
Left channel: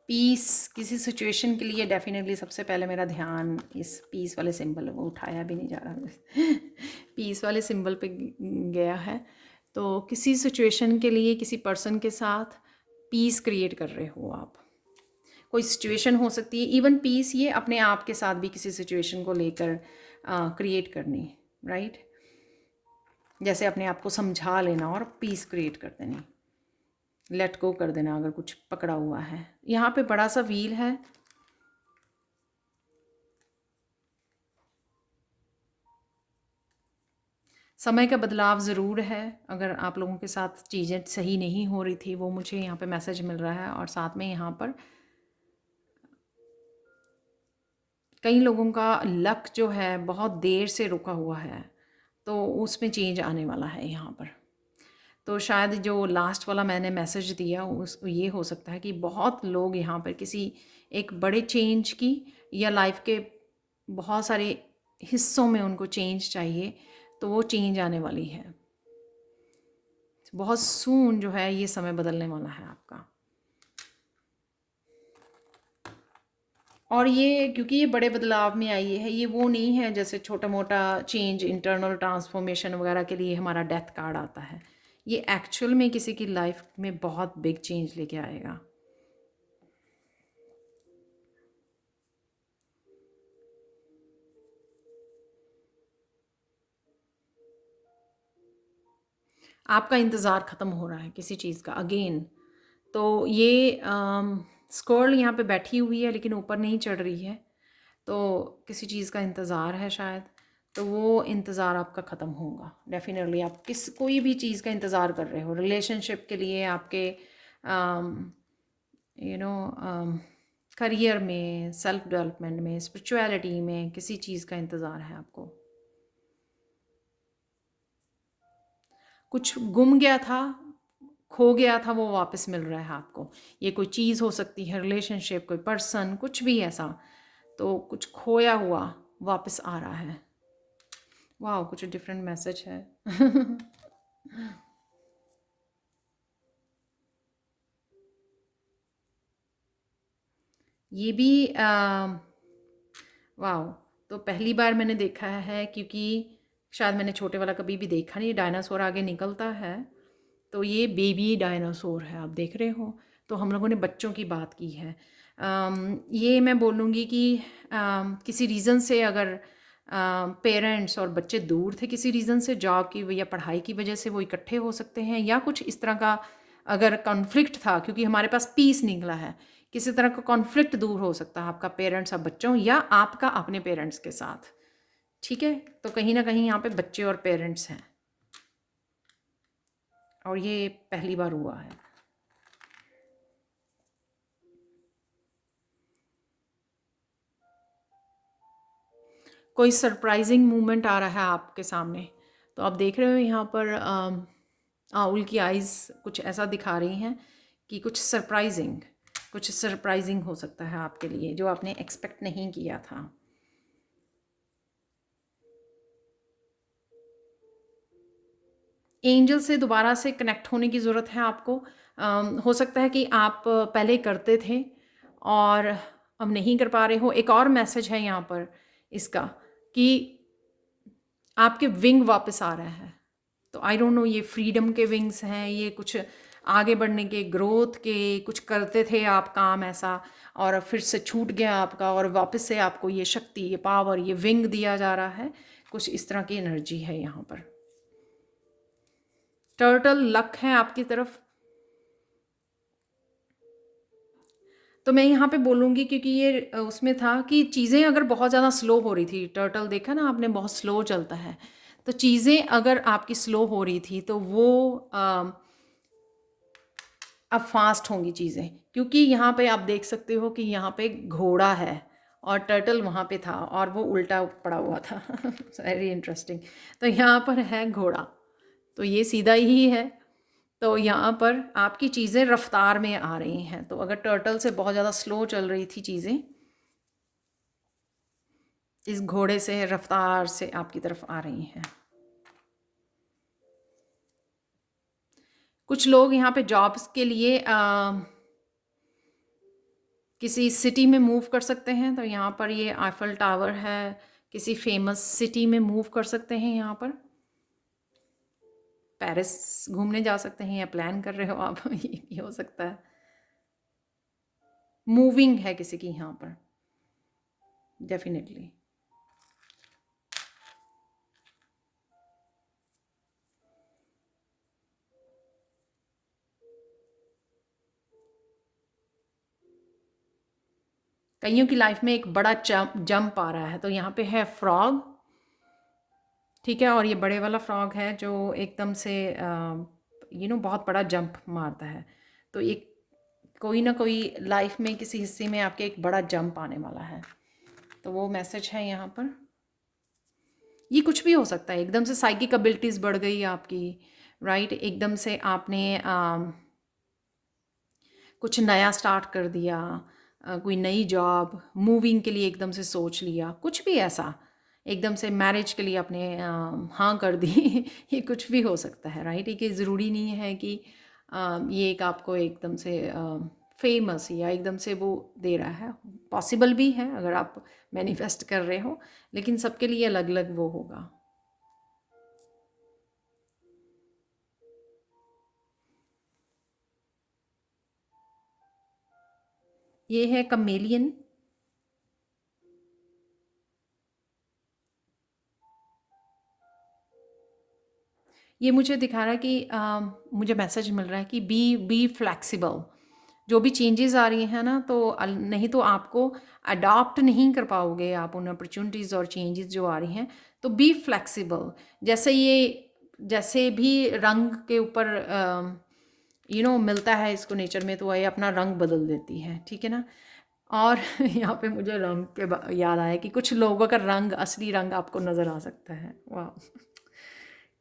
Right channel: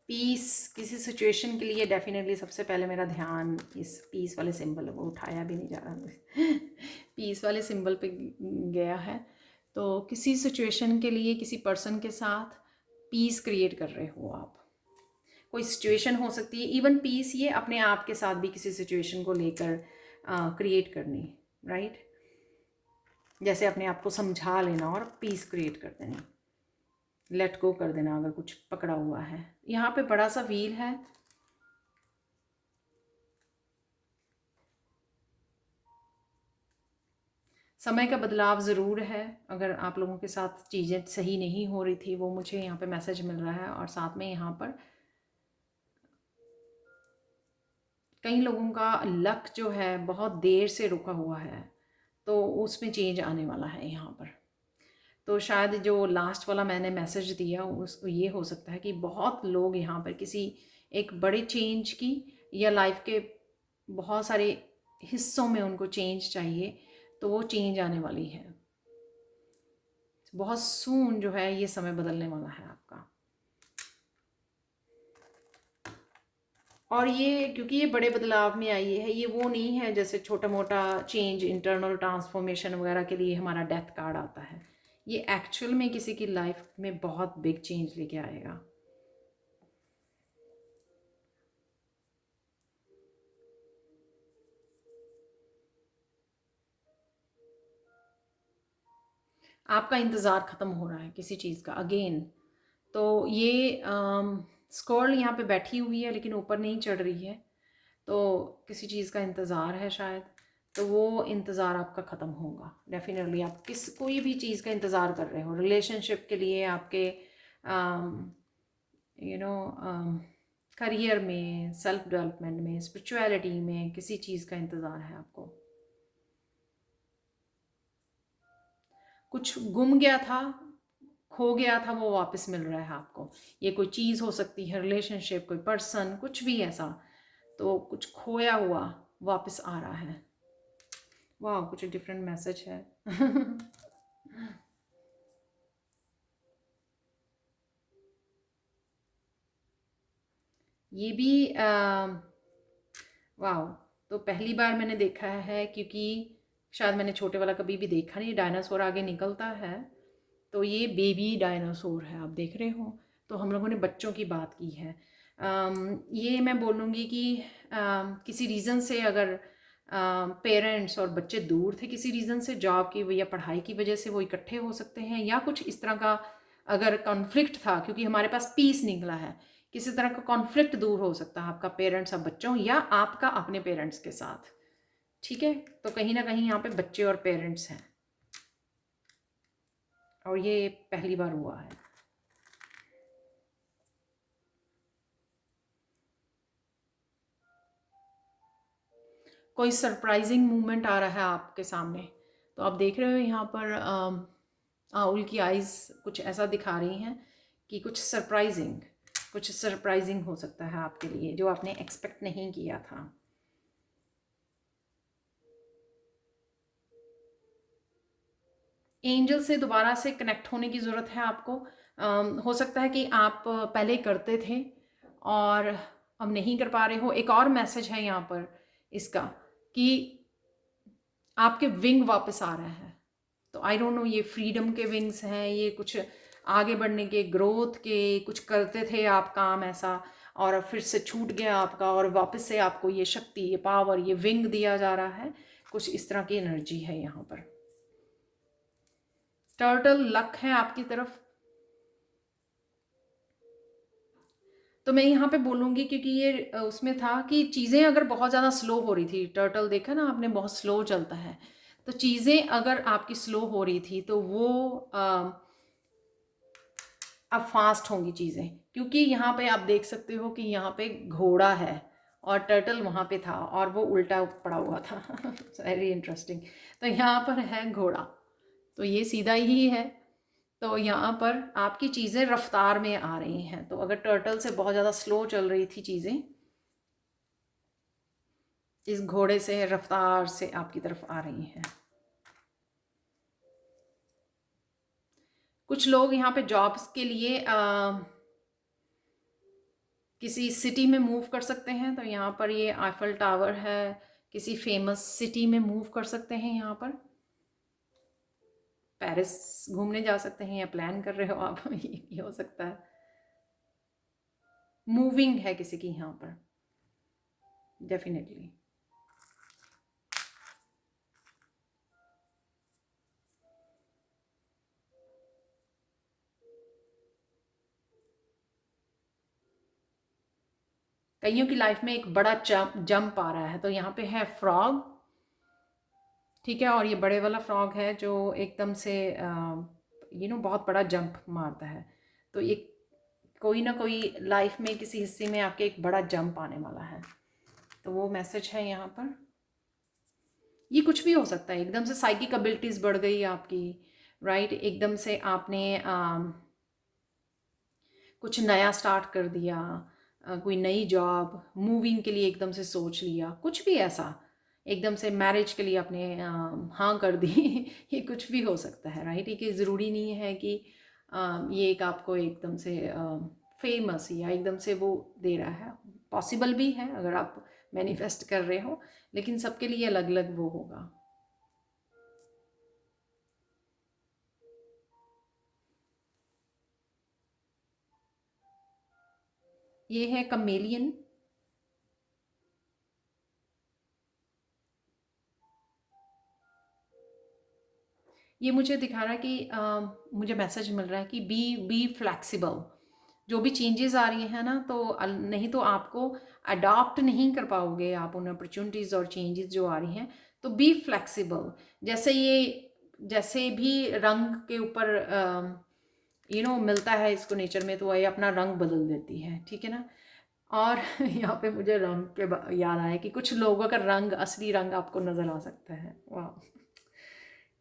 पीस किसी सिचुएशन के लिए डेफिनेटली सबसे पहले मेरा ध्यान इस पीस वाले सिंबल, वो उठाया भी नहीं जा रहा पीस वाले सिंबल पे गया है। तो किसी सिचुएशन के लिए किसी पर्सन के साथ पीस क्रिएट कर रहे हो आप। कोई सिचुएशन हो सकती है, इवन पीस ये अपने आप के साथ भी किसी सिचुएशन को लेकर क्रिएट करनी, राइट। जैसे अपने आप को समझा लेना और पीस क्रिएट कर देनी, लेट गो कर देना अगर कुछ पकड़ा हुआ है। यहाँ पे बड़ा सा व्हील है, समय का बदलाव ज़रूर है। अगर आप लोगों के साथ चीज़ें सही नहीं हो रही थी, वो मुझे यहाँ पे मैसेज मिल रहा है। और साथ में यहाँ पर कई लोगों का लक जो है बहुत देर से रुका हुआ है, तो उसमें चेंज आने वाला है यहाँ पर। तो शायद जो लास्ट वाला मैंने मैसेज दिया उस ये हो सकता है कि बहुत लोग यहाँ पर किसी एक बड़े चेंज की, या लाइफ के बहुत सारे हिस्सों में उनको चेंज चाहिए, तो वो चेंज आने वाली है। बहुत सून जो है ये समय बदलने वाला है आपका। और ये क्योंकि ये बड़े बदलाव में आई है, ये वो नहीं है जैसे छोटा मोटा चेंज, इंटरनल ट्रांसफॉर्मेशन वगैरह के लिए हमारा डेथ कार्ड आता है। ये एक्चुअल में किसी की लाइफ में बहुत बिग चेंज लेके आएगा। आपका इंतज़ार ख़त्म हो रहा है किसी चीज़ का अगेन। तो ये स्कर्ल यहाँ पे बैठी हुई है लेकिन ऊपर नहीं चढ़ रही है, तो किसी चीज़ का इंतज़ार है शायद। तो वो इंतज़ार आपका ख़त्म होगा डेफिनेटली। आप कोई भी चीज़ का इंतज़ार कर रहे हो, रिलेशनशिप के लिए, आपके यू नो करियर में, सेल्फ डेवलपमेंट में, स्पिरिचुअलिटी में, किसी चीज़ का इंतज़ार है आपको। कुछ गुम गया था, खो गया था, वो वापस मिल रहा है आपको। ये कोई चीज़ हो सकती है, रिलेशनशिप, कोई पर्सन, कुछ भी ऐसा। तो कुछ खोया हुआ वापस आ रहा है। वाह, कुछ डिफरेंट मैसेज है ये भी वाह, तो पहली बार मैंने देखा है, क्योंकि शायद मैंने छोटे वाला कभी भी देखा नहीं। डायनासोर आगे निकलता है, तो ये बेबी डायनासोर है, आप देख रहे हो। तो हम लोगों ने बच्चों की बात की है। ये मैं बोलूँगी कि किसी रीज़न से अगर पेरेंट्स और बच्चे दूर थे, किसी रीज़न से, जॉब की या पढ़ाई की वजह से वो इकट्ठे हो सकते हैं, या कुछ इस तरह का अगर कॉन्फ्लिक्ट था, क्योंकि हमारे पास पीस निकला है। किसी तरह का कॉन्फ्लिक्ट दूर हो सकता है आपका पेरेंट्स और बच्चों, या आपका अपने पेरेंट्स के साथ। ठीक है, तो कहीं ना कहीं यहाँ पे बच्चे और पेरेंट्स हैं, और ये पहली बार हुआ है। कोई सरप्राइजिंग मूवमेंट आ रहा है आपके सामने। तो आप देख रहे हो यहाँ पर आउल की आइज़ कुछ ऐसा दिखा रही हैं कि कुछ सरप्राइजिंग हो सकता है आपके लिए, जो आपने एक्सपेक्ट नहीं किया था। एंजल से दोबारा से कनेक्ट होने की ज़रूरत है आपको। हो सकता है कि आप पहले करते थे और अब नहीं कर पा रहे हो। एक और मैसेज है यहाँ पर इसका, कि आपके विंग वापस आ रहे हैं। तो आई डोंट नो, ये फ्रीडम के विंग्स हैं, ये कुछ आगे बढ़ने के, ग्रोथ के, कुछ करते थे आप काम ऐसा, और फिर से छूट गया आपका, और वापस से आपको ये शक्ति, ये पावर, ये विंग दिया जा रहा है। कुछ इस तरह की एनर्जी है यहाँ पर। टर्टल लक है आपकी तरफ। तो मैं यहाँ पे बोलूँगी, क्योंकि ये उसमें था कि चीज़ें अगर बहुत ज़्यादा स्लो हो रही थी, टर्टल देखा ना आपने, बहुत स्लो चलता है। तो चीज़ें अगर आपकी स्लो हो रही थी, तो वो अब फास्ट होंगी चीज़ें, क्योंकि यहाँ पे आप देख सकते हो कि यहाँ पे घोड़ा है और टर्टल वहाँ पे था और वो उल्टा पड़ा हुआ था। Very interesting. तो यहाँ पर है घोड़ा, तो ये सीधा ही है। तो यहाँ पर आपकी चीज़ें रफ्तार में आ रही हैं। तो अगर टर्टल से बहुत ज़्यादा स्लो चल रही थी चीज़ें, इस घोड़े से रफ्तार से आपकी तरफ आ रही हैं। कुछ लोग यहाँ पे जॉब्स के लिए किसी सिटी में मूव कर सकते हैं। तो यहाँ पर ये आईफल टावर है, किसी फेमस सिटी में मूव कर सकते हैं। यहाँ पर पेरिस घूमने जा सकते हैं या प्लान कर रहे हो आप। ये हो सकता है, मूविंग है किसी की यहाँ पर डेफिनेटली। कईयों की लाइफ में एक बड़ा जंप आ रहा है। तो यहाँ पे है फ्रॉग, ठीक है, और ये बड़े वाला फ्रॉग है जो एकदम से बहुत बड़ा जंप मारता है। तो एक कोई ना कोई लाइफ में किसी हिस्से में आपके एक बड़ा जंप आने वाला है। तो वो मैसेज है यहाँ पर। ये कुछ भी हो सकता है, एकदम से साइकिक एबिलिटीज़ बढ़ गई आपकी, राइट। एकदम से आपने कुछ नया स्टार्ट कर दिया, कोई नई जॉब, मूविंग के लिए एकदम से सोच लिया, कुछ भी ऐसा एकदम से मैरिज के लिए आपने हाँ कर दी। ये कुछ भी हो सकता है, राइट। ये ज़रूरी नहीं है कि ये एक आपको एकदम से फेमस या एकदम से वो दे रहा है। पॉसिबल भी है अगर आप मैनिफेस्ट कर रहे हो, लेकिन सबके लिए अलग अलग वो होगा। ये है कमेलियन। ये मुझे दिखा रहा है कि मुझे मैसेज मिल रहा है कि बी फ्लेक्सिबल। जो भी चेंजेस आ रही हैं ना, तो नहीं तो आपको अडॉप्ट नहीं कर पाओगे आप उन अपॉर्चुनिटीज़ और चेंजेस जो आ रही हैं। तो बी फ्लेक्सिबल। जैसे भी रंग के ऊपर मिलता है इसको नेचर में, तो ये अपना रंग बदल देती है, ठीक है ना। और यहाँ पे मुझे रंग पे याद आया कि कुछ लोगों का रंग, असली रंग आपको नज़र आ सकता है। वाह।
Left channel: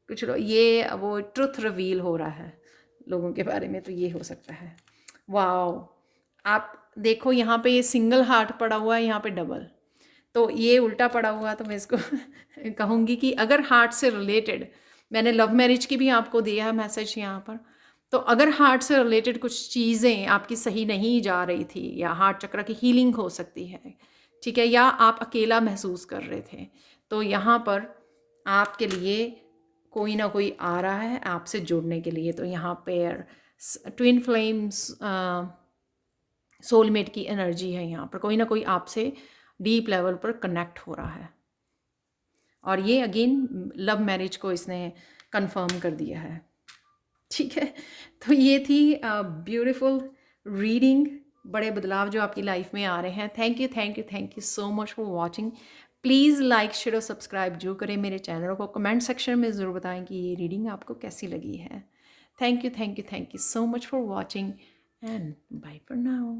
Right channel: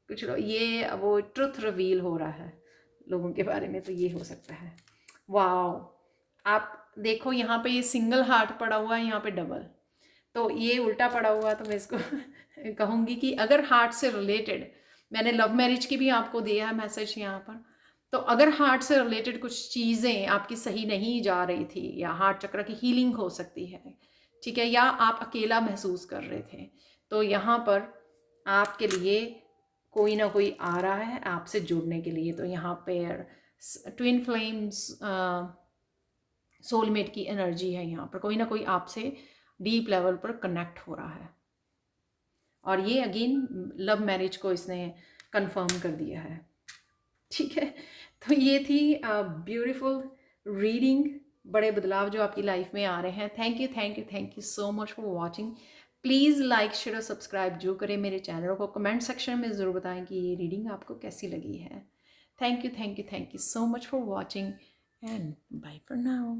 कुछ लोग, ये वो ट्रुथ रिवील हो रहा है लोगों के बारे में, तो ये हो सकता है। वाह। आप देखो यहाँ पे ये सिंगल हार्ट पड़ा हुआ है, यहाँ पे डबल। तो ये उल्टा पड़ा हुआ है। तो मैं इसको कहूँगी कि अगर हार्ट से रिलेटेड, मैंने लव मैरिज की भी आपको दिया है मैसेज यहाँ पर। तो अगर हार्ट से रिलेटेड कुछ चीज़ें आपकी सही नहीं जा रही थी, या हार्ट चक्र की हीलिंग हो सकती है, ठीक है, या आप अकेला महसूस कर रहे थे, तो यहाँ पर आपके लिए कोई ना कोई आ रहा है आपसे जुड़ने के लिए। तो यहाँ पर ट्विन फ्लेम्स, सोलमेट की एनर्जी है। यहाँ पर कोई ना कोई आपसे डीप लेवल पर कनेक्ट हो रहा है। और ये अगेन लव मैरिज को इसने कंफर्म कर दिया है, ठीक है। तो ये थी ब्यूटीफुल रीडिंग। बड़े बदलाव जो आपकी लाइफ में आ रहे हैं। Thank you, thank you, thank you so much for watching. Please like, share और सब्सक्राइब जो करें मेरे चैनल को। कमेंट सेक्शन में ज़रूर बताएं कि ये रीडिंग आपको कैसी लगी है। Thank you, thank you, thank you so much for watching and bye for now.